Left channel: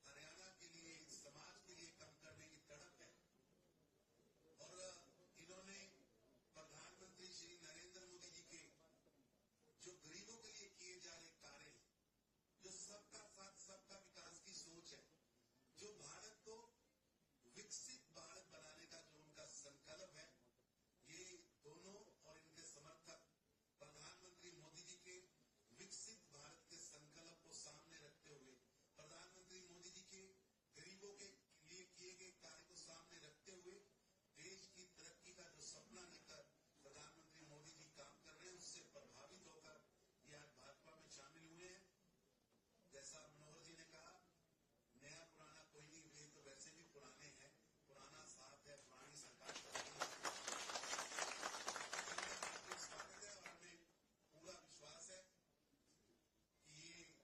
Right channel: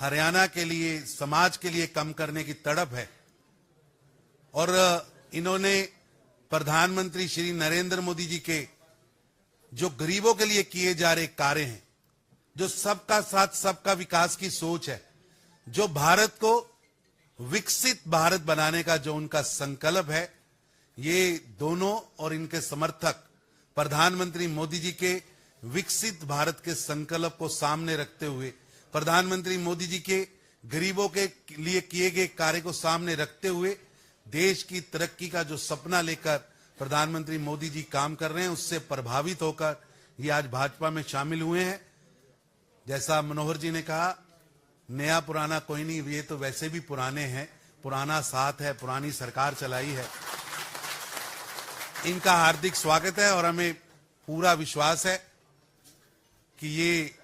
हरियाणा के लिए, समाज के लिए काम करने की तड़प है और इन्होंने प्रधानमंत्री श्री नरेंद्र मोदी जी के जो गरीबों के लिए किए जा रहे कार्य हैं, जो सबका साथ सबका विकास की सोच है, जो भारत को विकसित भारत बनाने का जो उनका संकल्प है, ये दोनों और इनके समर्थक प्रधानमंत्री मोदी जी के विकसित भारत के संकल्प को सामने रखते हुए, प्रधानमंत्री मोदी जी के गरीबों के लिए किए गए कार्य को सामने रखते हुए देश की तरक्की का जो सपना लेकर प्रधानमंत्री मोदी जी काम कर रहे हैं, उससे प्रभावित होकर ये आज भाजपा में शामिल हुए हैं। जैसा मनोहर जी ने कहा, नया पुराना कोई नहीं, ये तो वैसे भी पुराने हैं, पुराना साथ है, पुरानी सरकार चलाई है। इनका हार्दिक स्वागत है और हमें पूरा विश्वास है कि ये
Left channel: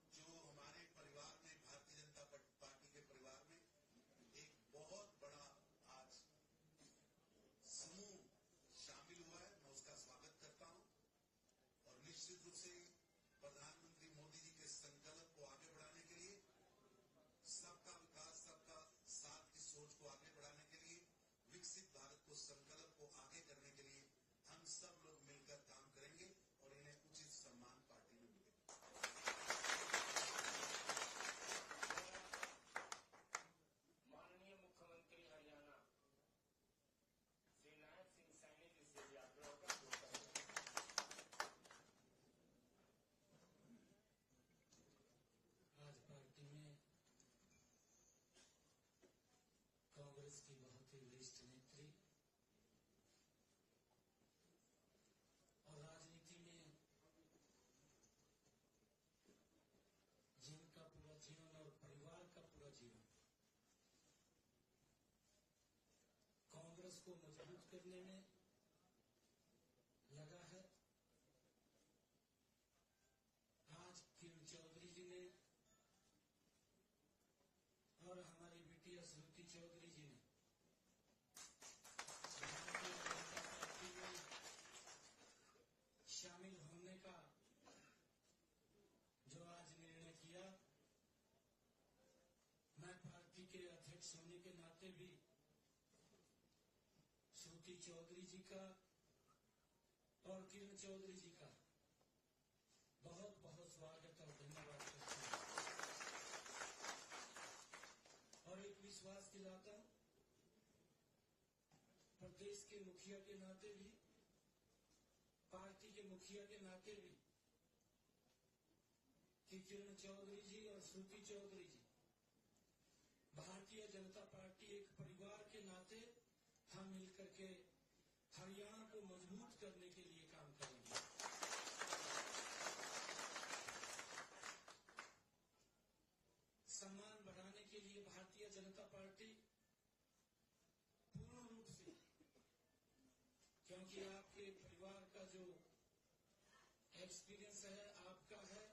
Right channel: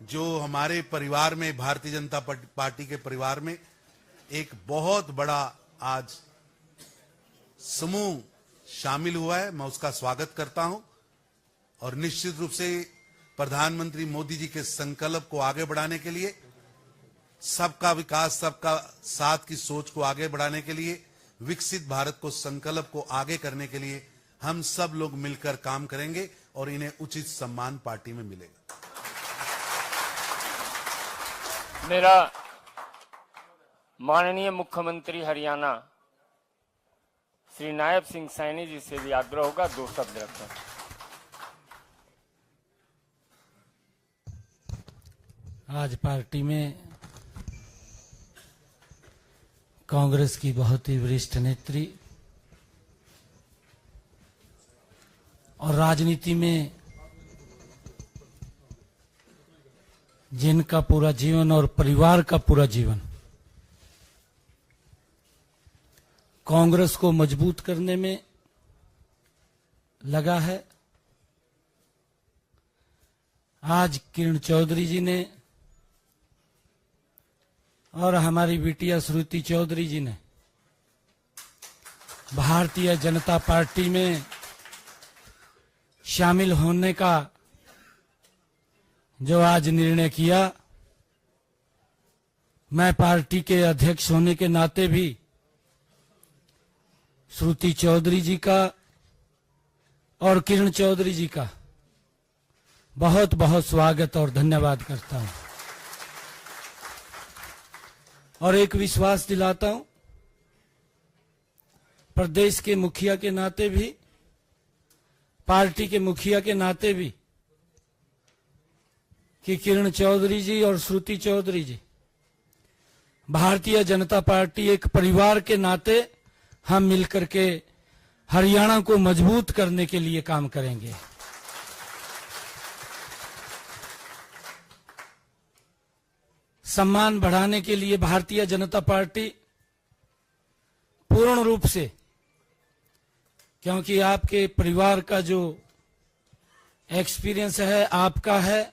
जो हमारे परिवार में, भारतीय जनता पार्टी के परिवार में एक बहुत बड़ा आज समूह शामिल हुआ है, मैं उसका स्वागत करता हूं और निश्चित रूप से प्रधानमंत्री मोदी जी के संकल्प को आगे बढ़ाने के लिए, सबका विकास सबका साथ की सोच को आगे बढ़ाने के लिए, विकसित भारत को संकल्प को आगे करने के लिए हम सब लोग मिलकर काम करेंगे और इन्हें उचित सम्मान पार्टी में मिलेगा। मेरा माननीय मुख्यमंत्री हरियाणा श्री नायब सिंह सैनी जी से भी आग्रह होगा, 2 शब्द रखें। आज पार्टी में कांग्रेस की बहुत ही वरिष्ठ नेत्री और राजनीति में जिनका पूरा जीवन और परिवार का पूरा जीवन कांग्रेस को मजबूत करने में लगा है, आज किरण चौधरी जी ने और हमारी बिटिया श्रुति चौधरी जी ने भारतीय जनता पार्टी में शामिल होने का जो आज निर्णय किया, मैं पार्टी के अध्यक्ष होने के नाते भी श्रुति चौधरी जी का और किरण चौधरी जी का बहुत बहुत स्वागत और धन्यवाद करता हूं और एक विश्वास दिलाता हूं प्रदेश के मुखिया के नाते भी, पार्टी के मुखिया के नाते भी, कि किरण चौधरी जी और श्रुति चौधरी जी भारतीय जनता पार्टी एक परिवार के नाते हम मिलकर के हरियाणा को मजबूत करने के लिए काम करेंगे। सम्मान बढ़ाने के लिए भारतीय जनता पार्टी पूर्ण रूप से, क्योंकि आपके परिवार का जो एक्सपीरियंस है, आपका है,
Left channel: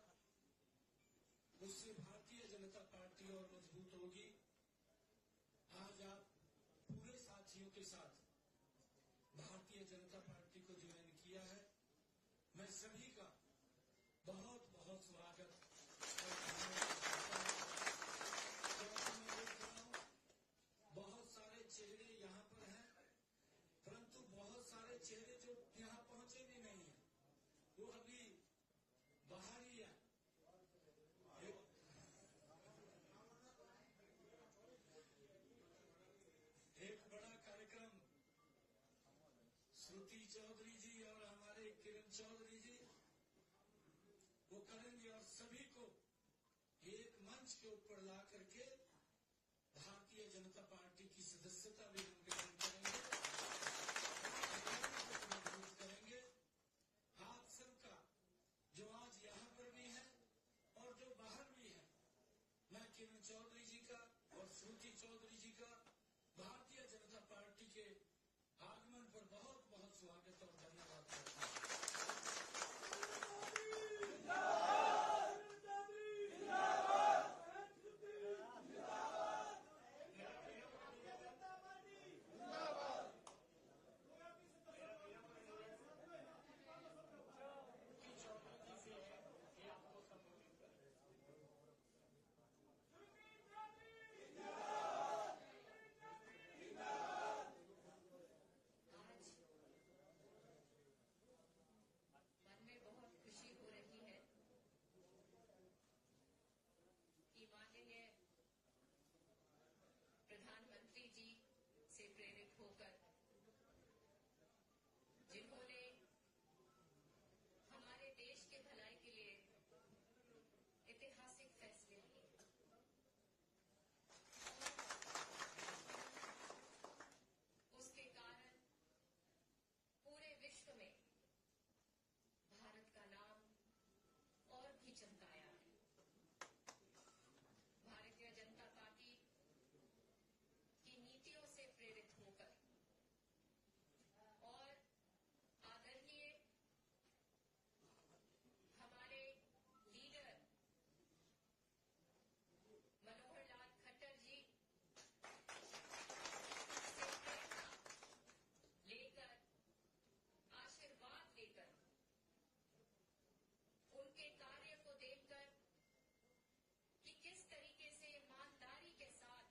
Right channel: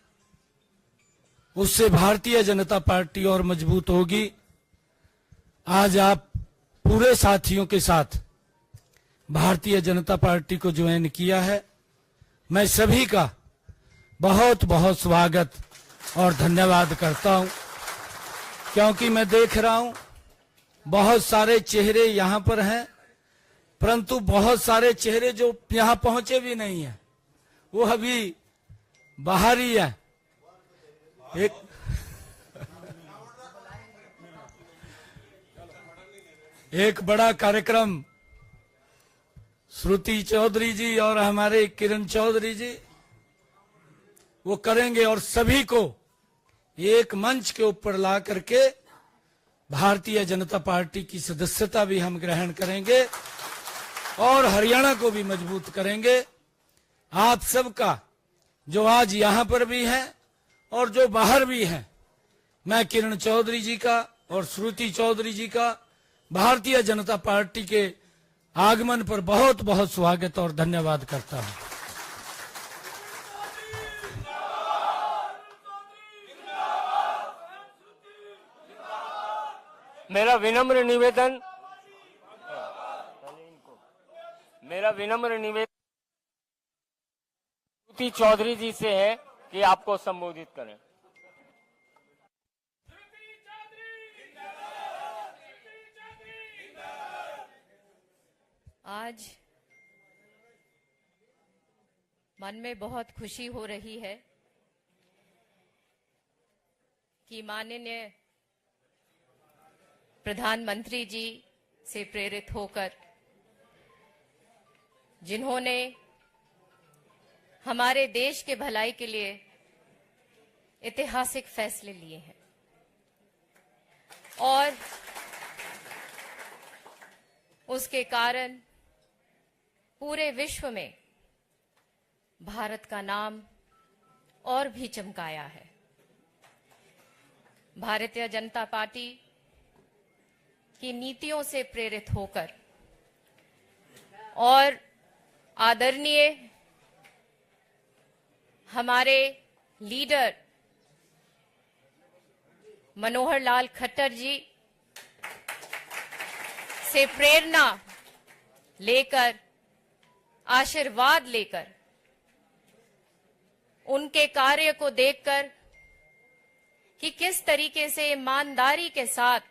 उससे भारतीय जनता पार्टी और मजबूत होगी। आज आप पूरे साथियों के साथ भारतीय जनता पार्टी को ज्वाइन किया है, मैं सभी का बहुत बहुत स्वागत और धन्यवाद करता हूं, क्योंकि मैं देख रहा हूं बहुत सारे चेहरे यहां पर हैं, परंतु बहुत सारे चेहरे जो यहां पहुंचे भी नहीं हैं, वो अभी बाहर ही है। एक बड़ा कार्यक्रम श्रुति चौधरी जी और हमारे किरण चौधरी जी वो करेंगे और सभी को एक मंच के ऊपर ला करके भारतीय जनता पार्टी की सदस्यता भी हम ग्रहण करेंगे और हरियाणा को भी मजबूत करेंगे। आप सबका जो आज यहां पर भी है और जो बाहर भी है, मैं किरण चौधरी जी का और श्रुति चौधरी जी का भारतीय जनता पार्टी के आगमन पर बहुत बहुत स्वागत और धन्यवाद करता हूं। मेरा विनम्र निवेदन श्रुति चौधरी जी से है कि आपको संबोधित करें। आज मन में बहुत खुशी हो रही है कि माननीय प्रधानमंत्री जी से प्रेरित होकर जिन्होंने हमारे देश के भलाई के लिए ऐतिहासिक फैसले लिए हैं और उसके कारण पूरे विश्व में भारत का नाम और भी चमकाया है। भारतीय जनता पार्टी की नीतियों से प्रेरित होकर और आदरणीय हमारे लीडर मनोहर लाल खट्टर जी से प्रेरणा लेकर, आशीर्वाद लेकर, उनके कार्य को देखकर कि किस तरीके से ईमानदारी के साथ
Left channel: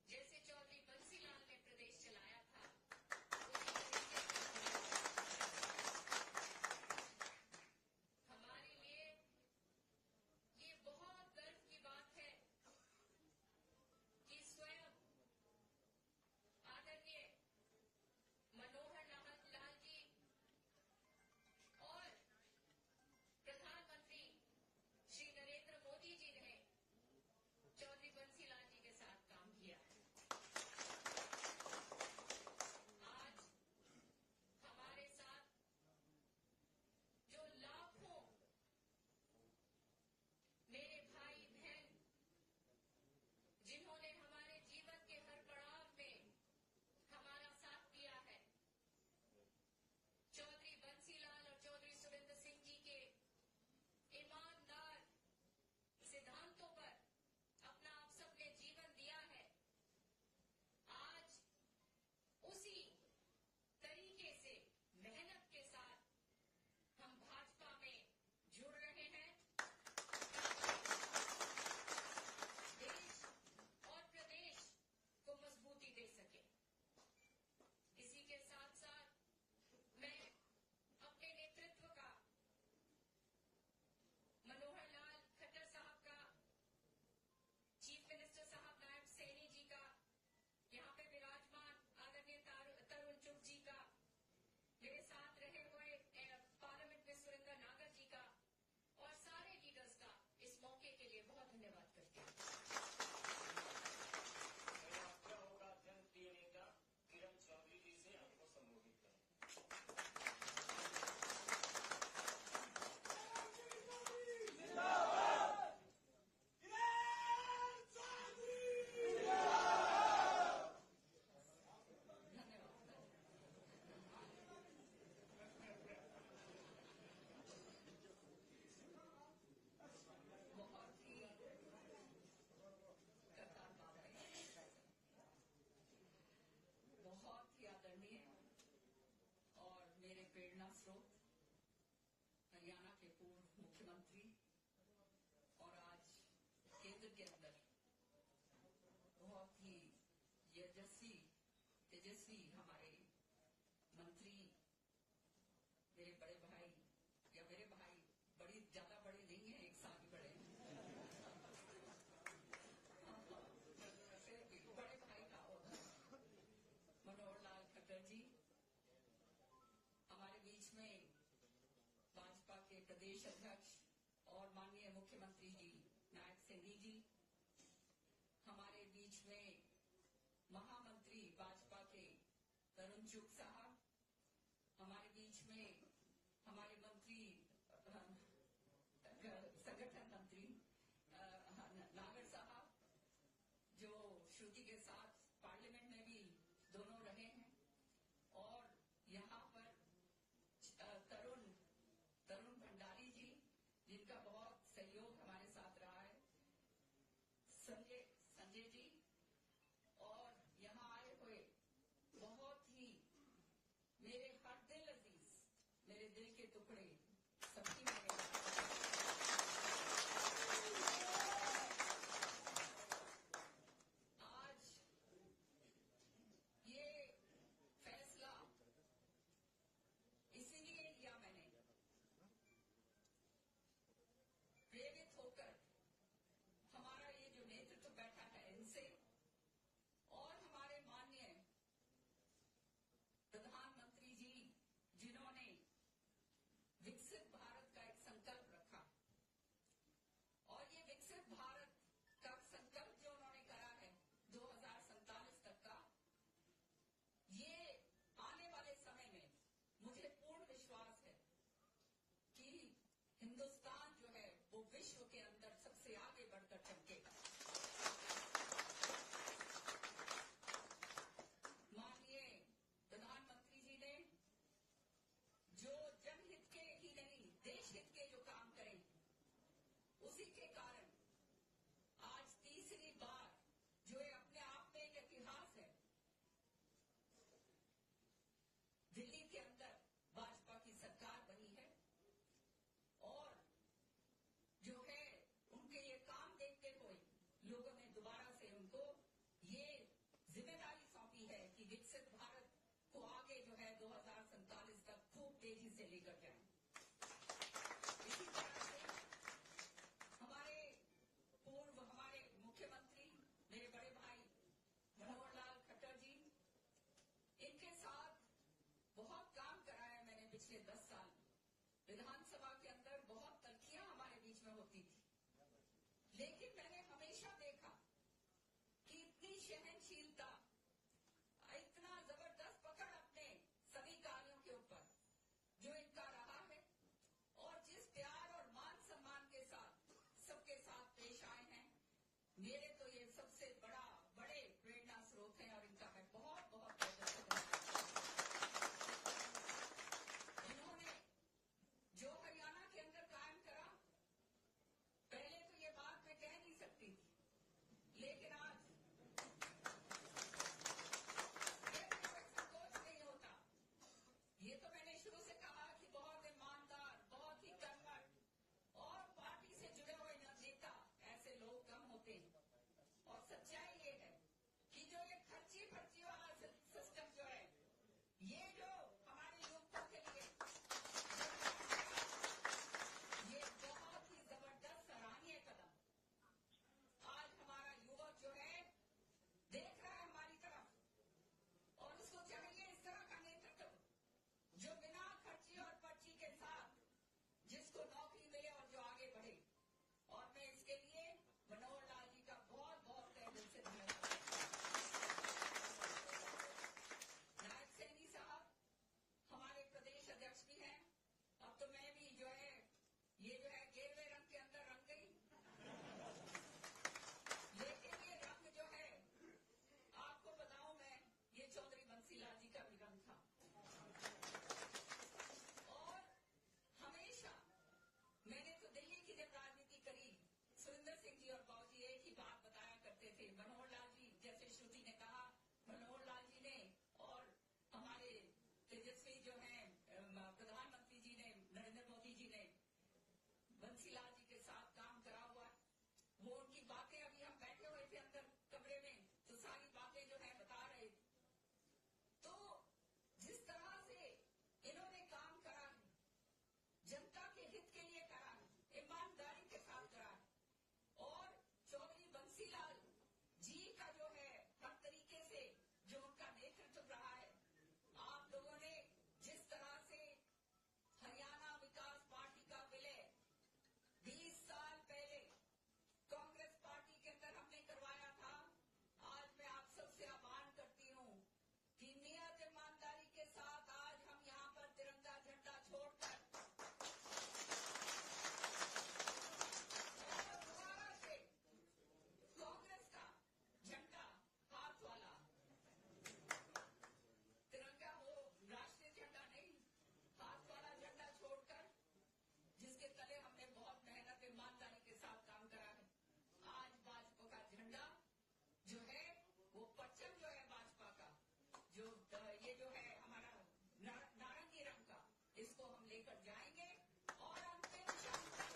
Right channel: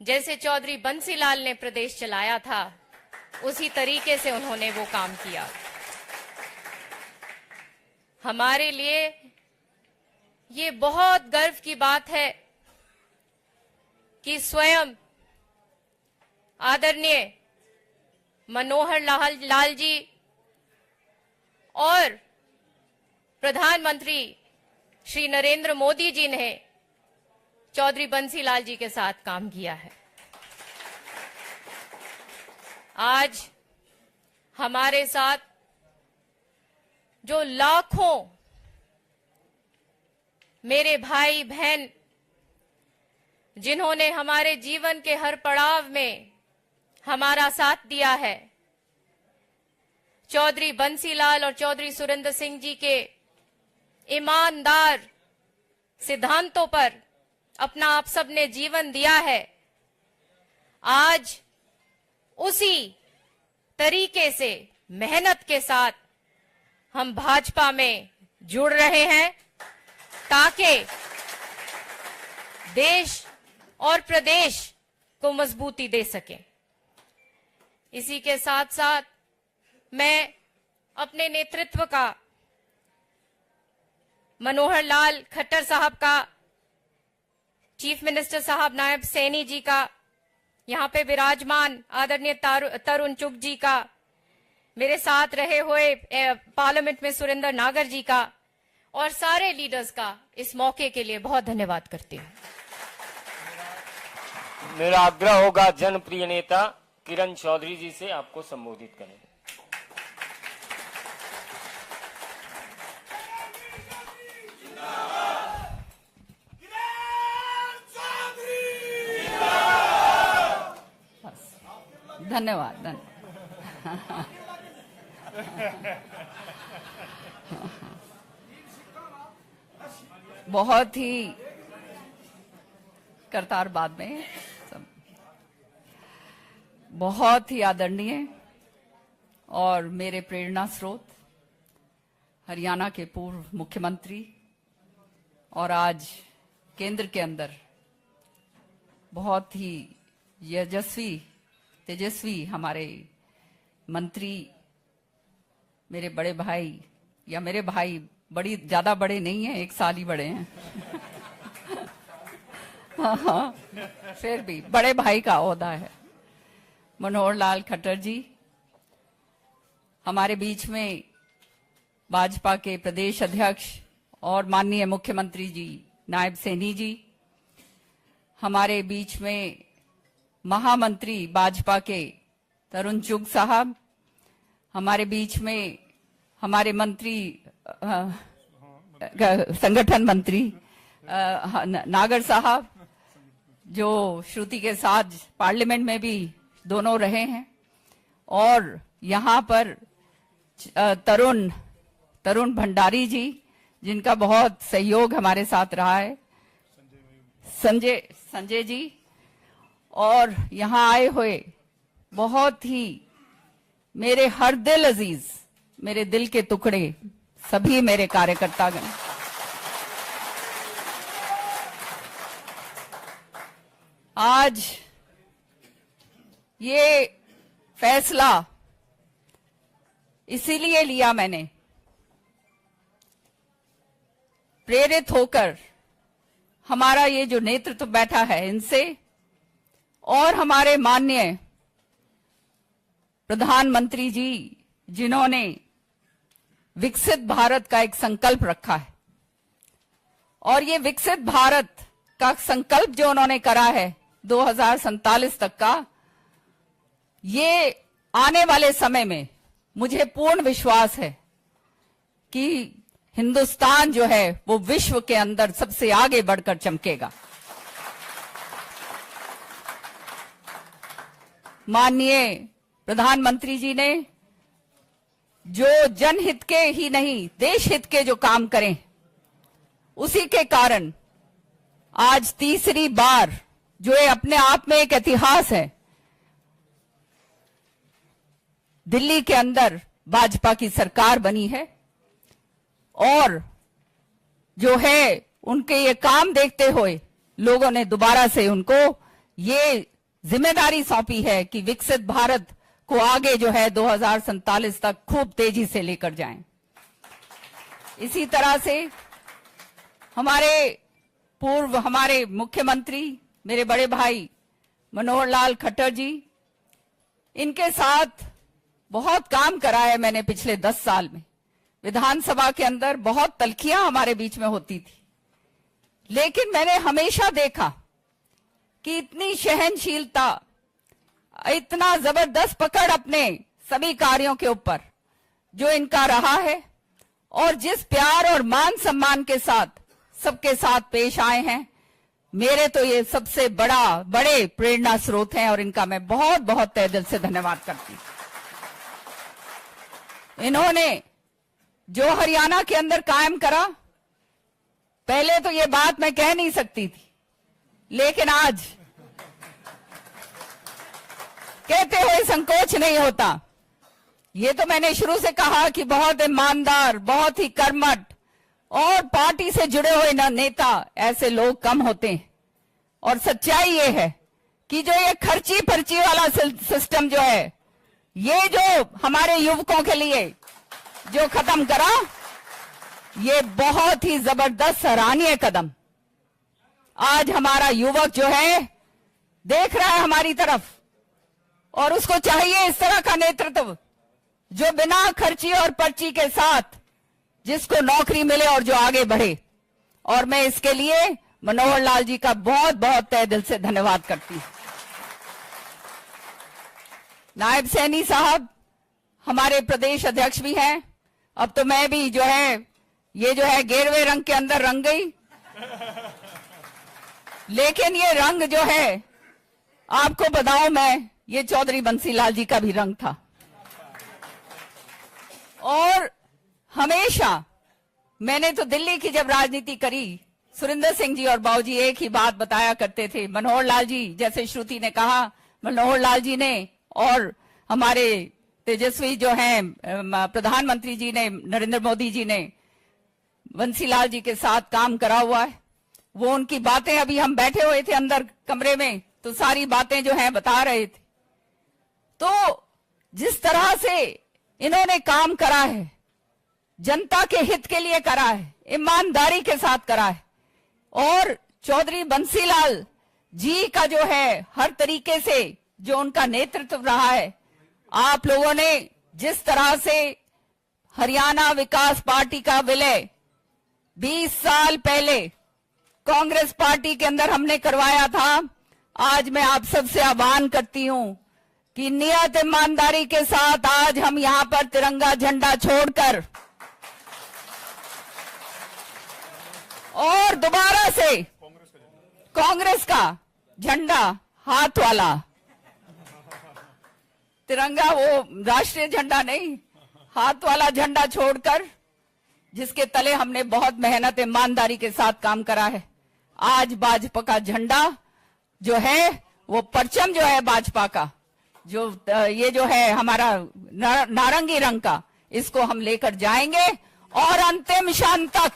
जैसे चौधरी बंसीलाल ने प्रदेश चलाया था उसी तरीके से उन्होंने वो काम किया। हमारे लिए ये बहुत गर्व की बात है कि स्वयं आदरणीय मनोहर लाल जी और प्रधानमंत्री श्री नरेंद्र मोदी जी ने चौधरी बंसीलाल जी के साथ काम किया है। आज हमारे साथ जो लाखों मेरे भाई बहन जिन्होंने हमारे जीवन के हर पड़ाव में हमारा साथ दिया है, चौधरी बंसीलाल और चौधरी सुरेंद्र सिंह जी के ईमानदार सिद्धांतों पर अपना आप सबने जीवन दिया है। आज उसी तरीके से मेहनत के साथ हम भाजपा में जुड़ रहे हैं ताकि देश और प्रदेश को मजबूती दे सके। इसी के साथ साथ मैं अपने नेतृत्व का, मनोहर लाल खट्टर साहब का, चीफ मिनिस्टर साहब नायब सैनी जी का, यहाँ पे विराजमान आदरणीय तरुण चुग जी का, मेरे साथ रहे हुए पार्लियामेंट में सुरेंद्र नागर जी का और सारे लीडर्स का इस मौके के लिए बहुत धन्यवाद करती हूँ। मेरा आग्रह होगा जनप्रिय नेता किरण चौधरी जी से आपको संबोधित करें। धन्यवाद। बहुत ही करतार बाद में सब बहुत ही आदरणीय और मेरे प्रेरणा स्रोत हरियाणा के पूर्व मुख्यमंत्री और आज केंद्र के अंदर बहुत ही तेजस्वी हमारे मंत्री, मेरे बड़े भाई, या मेरे भाई बड़ी ज्यादा बड़े नहीं हैं, 1 साल ही बड़े हैं हाँ, फिर भी बड़े भाई का ओहदा है। मनोहर लाल खट्टर जी हमारे बीच में, भाजपा के प्रदेश अध्यक्ष और माननीय मुख्यमंत्री जी नायब सैनी जी, हमारे बीच में महामंत्री भाजपा के तरुण चुग साहब, हमारे बीच में हमारे मंत्री संगठन मंत्री नागर साहब, जो श्रुति के साथ पार्लियामेंट में भी दोनों रहे हैं, और यहाँ पर तरुण भंडारी जी, जिनका बहुत सहयोग हमारे साथ रहा है, संजय जी, और यहाँ आए हुए बहुत ही मेरे हर दिल अजीज, मेरे दिल के टुकड़े सभी मेरे कार्यकर्तागण, आज ये फैसला इसीलिए लिया मैंने, प्रेरित होकर हमारा ये जो नेतृत्व बैठा है इनसे और हमारे माननीय प्रधानमंत्री जी जिन्होंने विकसित भारत का एक संकल्प रखा है, और ये विकसित भारत का संकल्प जो उन्होंने करा है 2047 तक का, ये आने वाले समय में मुझे पूर्ण विश्वास है कि हिंदुस्तान जो है वो विश्व के अंदर सबसे आगे बढ़कर चमकेगा। माननीय प्रधानमंत्री जी ने जो जनहित के ही नहीं देश हित के जो काम करें, उसी के कारण आज तीसरी बार, जो ये अपने आप में एक इतिहास है, दिल्ली के अंदर भाजपा की सरकार बनी है। और जो है उनके ये काम देखते हुए लोगों ने दोबारा से उनको ये जिम्मेदारी सौंपी है कि विकसित भारत को आगे जो है 2047 तक खूब तेजी से लेकर जाएं। इसी तरह से हमारे मुख्यमंत्री मेरे बड़े भाई मनोहर लाल खट्टर जी, इनके साथ बहुत काम करा है मैंने पिछले 10 साल में। विधानसभा के अंदर बहुत तल्खियां हमारे बीच में होती थी, लेकिन मैंने हमेशा देखा कि इतनी सहनशीलता, इतना जबरदस्त पकड़ अपने सभी कार्यों के ऊपर जो इनका रहा है, और जिस प्यार और मान सम्मान के साथ सबके साथ पेश आए हैं, मेरे तो ये सबसे बड़े प्रेरणा स्रोत हैं, और इनका मैं बहुत बहुत तहे दिल से धन्यवाद करती हूं। इन्होंने जो हरियाणा के अंदर कायम करा, पहले तो ये बात मैं कह नहीं सकती थी, लेकिन आज कहते हुए संकोच नहीं होता। ये तो मैंने शुरू से कहा कि बहुत ईमानदार, बहुत ही कर्मठ और पार्टी से जुड़े हुए नेता ऐसे लोग कम होते हैं। और सच्चाई ये है कि जो ये खर्ची पर्ची वाला सिस्टम जो है, ये जो हमारे युवकों के लिए जो खत्म करा, ये बहुत ही जबरदस्त सराहनीय कदम। आज हमारा युवक जो है देख रहा है हमारी तरफ, और उसको चाहिए इस तरह का नेतृत्व जो बिना खर्ची और पर्ची के साथ जिसको नौकरी मिले और जो आगे बढ़े। और मैं इसके लिए मनोहर लाल जी का बहुत बहुत तहे दिल से धन्यवाद करती हूं। नायब सैनी साहब हमारे प्रदेश अध्यक्ष भी हैं। अब तो मैं भी जो है ये जो है गेरुए रंग के अंदर रंग गई, लेकिन ये रंग जो है आपको बताऊं मैं, ये चौधरी बंसीलाल जी का भी रंग था। और हमेशा मैंने तो दिल्ली की जब राजनीति करी, सुरेंद्र सिंह जी और बाबूजी एक ही बात बताया करते थे। मनोहर लाल जी, जैसे श्रुति ने कहा, मनोहर लाल जी ने और हमारे तेजस्वी जो हैं प्रधानमंत्री जी ने, नरेंद्र मोदी जी ने बंसीलाल जी के साथ काम करा हुआ है। वो उनकी बातें, अभी हम बैठे हुए थे अंदर कमरे में, तो सारी बातें जो हैं बता रहे थे। तो जिस तरह से इन्होंने काम करा है, जनता के हित के लिए करा है, ईमानदारी के साथ करा है, और चौधरी बंसीलाल जी का जो है हर तरीके से जो उनका नेतृत्व रहा है, आप लोगों ने जिस तरह से हरियाणा विकास पार्टी का विलय 20 साल पहले कांग्रेस पार्टी के अंदर हमने करवाया था, आज मैं आप सबसे आह्वान करती हूं कि नियत ईमानदारी के साथ आज हम यहां पर तिरंगा झंडा छोड़कर और दोबारा से कांग्रेस का झंडा, हाथ वाला तिरंगा, वो राष्ट्रीय झंडा नहीं, हाथ वाला झंडा छोड़कर, जिसके तले हमने बहुत मेहनत ईमानदारी के साथ काम करा है, आज भाजपा का झंडा जो है, वो परचम जो है भाजपा का, जो ये जो है हमारा नारंगी रंग का, इसको हम लेकर जाएंगे और अंतिम क्षण तक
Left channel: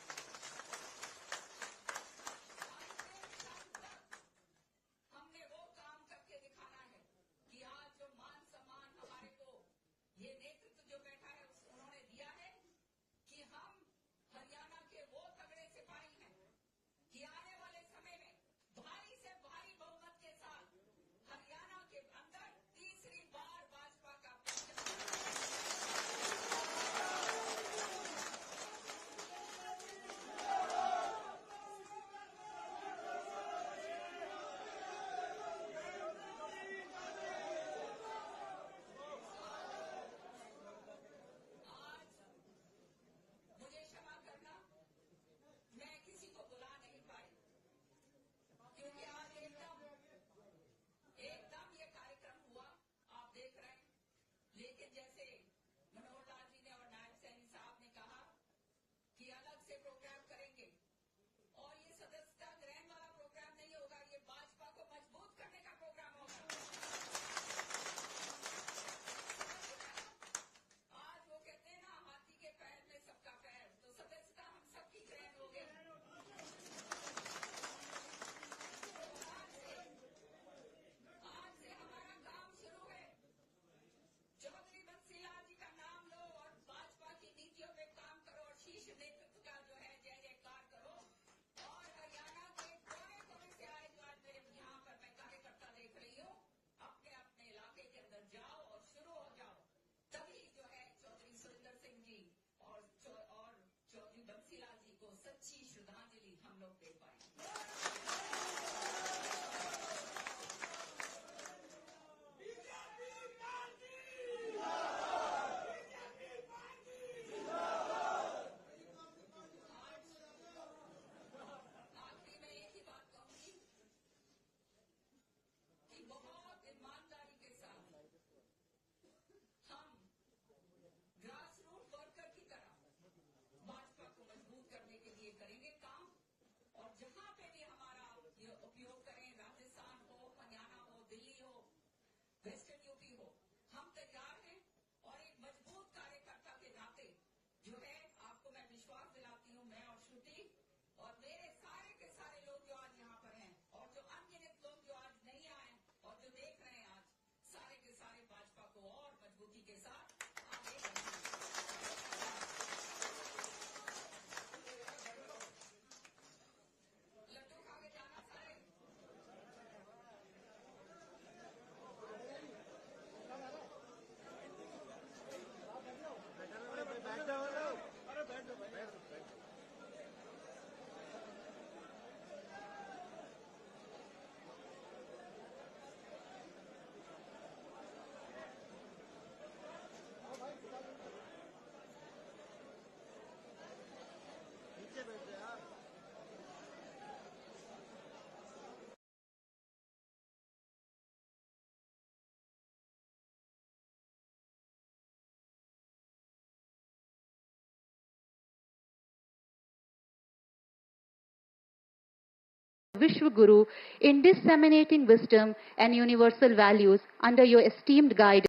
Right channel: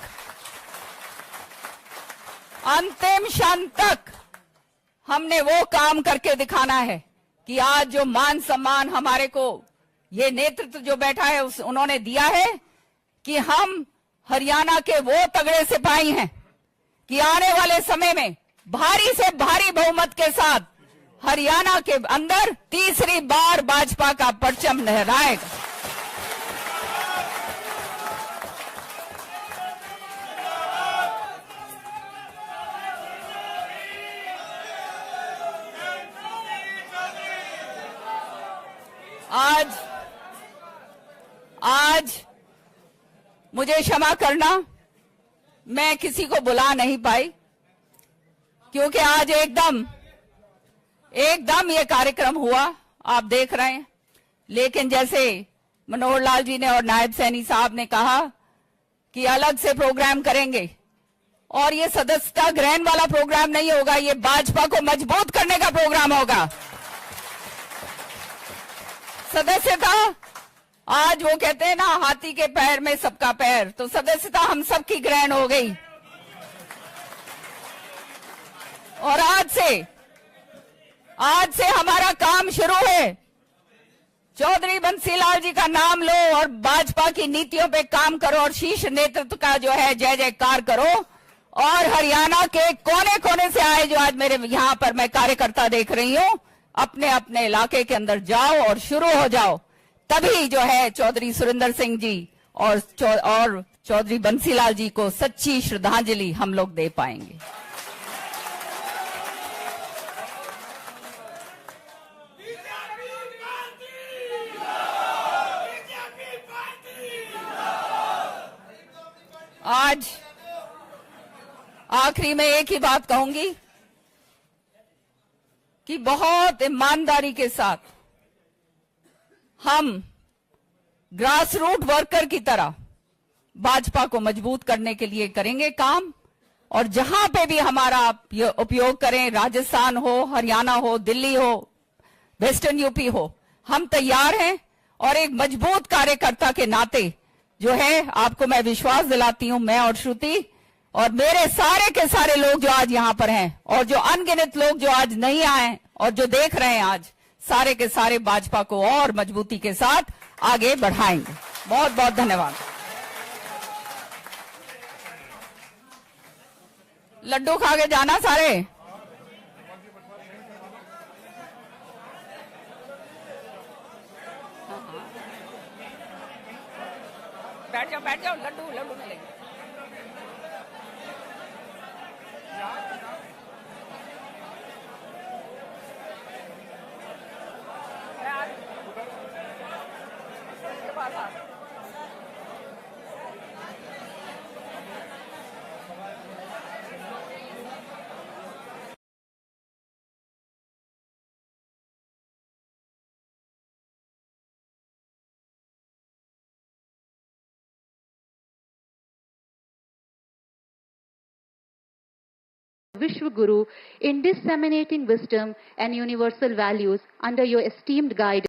हमने वो काम करके दिखाना है कि आज जो मान सम्मान हमारे को ये नेतृत्व जो बैठा है उन्होंने दिया है कि हम हरियाणा के वो तगड़े सिपाही हैं कि आने वाले समय में भारी से भारी बहुमत के साथ हरियाणा के अंदर तीसरी बार भाजपा का परचम लहराएगा। आज मुझे क्षमा करना, मैं किसी को बुला नहीं पाई क्योंकि आज एकदम ये कार्यक्रम हुआ, आप देख रहे हैं। लेकिन जैसे मनोहर लाल जी ने और नायब सैनी साहब ने कहा कि अलग से प्रोग्राम करेंगे, और ये सदस्यता ग्रहण वाला प्रोग्राम नहीं होगा, ये भाजपा को मजबूत करने का प्रोग्राम होगा। सदस्यता, आज वो कहते हैं ना हाथी के पैर में सबका पैर, तो सदस्यता हम सबकी ग्रहण हो गई। और आज से हमारा काम शुरू है। चौधरी बंसीलाल जी का नाम लो और भाजपा की नीतियों पे काम करो और शीर्ष नेतृत्व का जो है जय जयकार करो। और हरियाणा के कोने कोने से आए जो आज मेरे यहाँ पर मैं कार्यकर्ता देख रही हूँ, अपने अपने इलाके के अंदर जाओ और शुरू हो जाओ। तभी जो है चौधरी सुरेंद्र सिंह जी और चौधरी बंसीलाल जी को सच्ची श्रद्धांजलि हम लोग दे पाएंगे। आज आखिरी में एक ही बात कहूंगी कि बहुत ईमानदारी के साथ हम ग्रास रूट वर्कर की तरह भाजपा को मजबूत करने के लिए करेंगे काम। और जहां पे भी हमारा उपयोग करें, राजस्थान हो, हरियाणा हो, दिल्ली हो, वेस्टर्न यूपी हो, हम तैयार हैं। और एक मजबूत कार्यकर्ता के नाते जो है आपको मैं विश्वास दिलाती हूं, मैं और श्रुति और मेरे सारे के सारे लोग जो आज यहां पर हैं और जो अनगिनत लोग जो आज नहीं आए और जो देख रहे हैं, आज सारे के सारे भाजपा को और मजबूती के साथ आगे बढ़ाएंगे। बहुत बहुत धन्यवाद। लड्डू खा के जाना सारे। बैठ जाओ, लड्डू मिलेंगे। Vishwa Guru in disseminating wisdom and universal values under your esteemed guidance.